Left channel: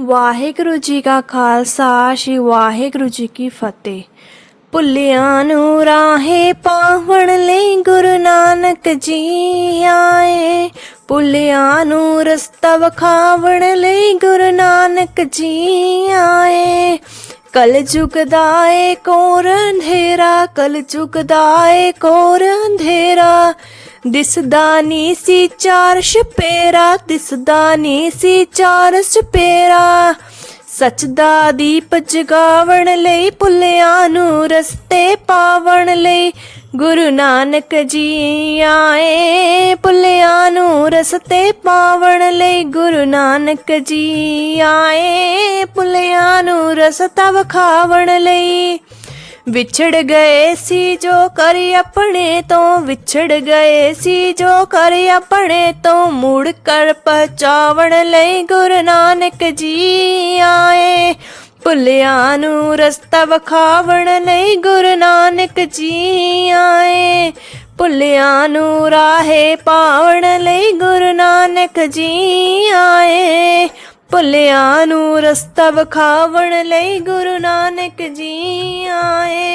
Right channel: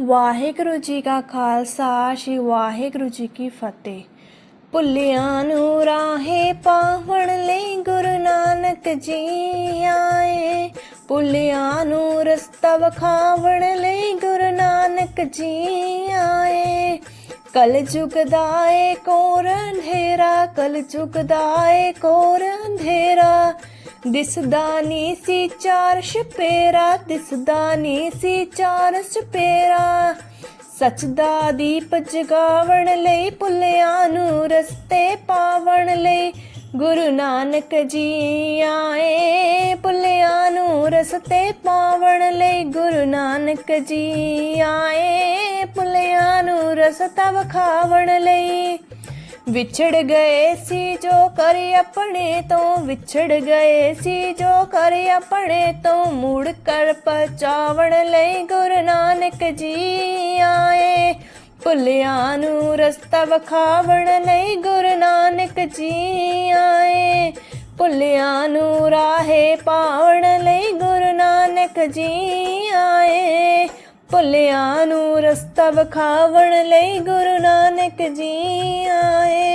ਵਾਹਿਗੁਰੂ ਜੀ ਕਾ ਖਾਲਸਾ, ਸ੍ਰੀ ਵਾਹਿਗੁਰੂ ਜੀ ਕੀ ਫਤਿਹ। ਭੁੱਲਿਆਂ ਨੂੰ ਰਾਹੇ ਪਾਵਣ ਲਈ ਗੁਰੂ ਨਾਨਕ ਜੀ ਆਏ। ਭੁੱਲਿਆਂ ਨੂੰ ਰਸਤਾ ਵਿਖਾਵਣ ਲਈ ਗੁਰੂ ਨਾਨਕ ਜੀ ਆਏ। ਕਲ ਯੁਗ ਦਾ ਏ ਕੋਰ ਅੰਧੇਰਾ ਕਲ ਯੁਗ ਦਾ ਏ ਕੋਰ ਅੰਧੇਰਾ। ਦਿਸਦਾ ਨੀ ਸੀ ਚਾਰ ਛਪੇਰਾ, ਦਿਸਦਾ ਨੀ ਸੀ ਚਾਰ ਛਪੇਰਾ। ਸੱਚ ਦਾ ਦੀਪ ਜਗਾਵਣ ਲਈ ਭੁੱਲਿਆਂ ਨੂੰ ਰਸਤੇ ਪਾਵਣ ਲਈ ਗੁਰੂ ਨਾਨਕ ਜੀ ਆਏ। ਭੁੱਲਿਆਂ ਨੂੰ ਰਸਤੇ ਪਾਵਣ ਲਈ ਗੁਰੂ ਨਾਨਕ ਜੀ ਆਏ। ਭੁੱਲਿਆਂ ਨੂੰ ਰਸਤਾ ਵਿਖਾਵਣ ਲਈ ਵਿਛੜ ਗਏ ਸੀ ਜੋ ਕਰ ਆਪਣੇ ਤੋਂ, ਵਿਛੜ ਗਏ ਸੀ ਜੋ ਕਰ ਆਪਣੇ ਤੋਂ। ਮੁੜ ਕਰ ਪਹੁੰਚਾਵਣ ਲਈ ਗੁਰੂ ਨਾਨਕ ਜੀ ਆਏ। ਭੁੱਲਿਆਂ ਨੂੰ ਰਸਤਾ ਵਿਖਾਵਣ ਲਈ ਗੁਰੂ ਨਾਨਕ ਜੀ ਆਏ। ਭੁੱਲਿਆਂ ਨੂੰ ਰਾਹੇ ਪਾਵਣ ਲਈ ਗੁਰੂ ਨਾਨਕ ਜੀ ਆਏ ਭੁੱਲਿਆਂ ਨੂੰ ਰਸਤਾ ਵਿਖਾਵਣ ਲਈ ਗੁਰੂ ਨਾਨਕ ਜੀ ਆਏ।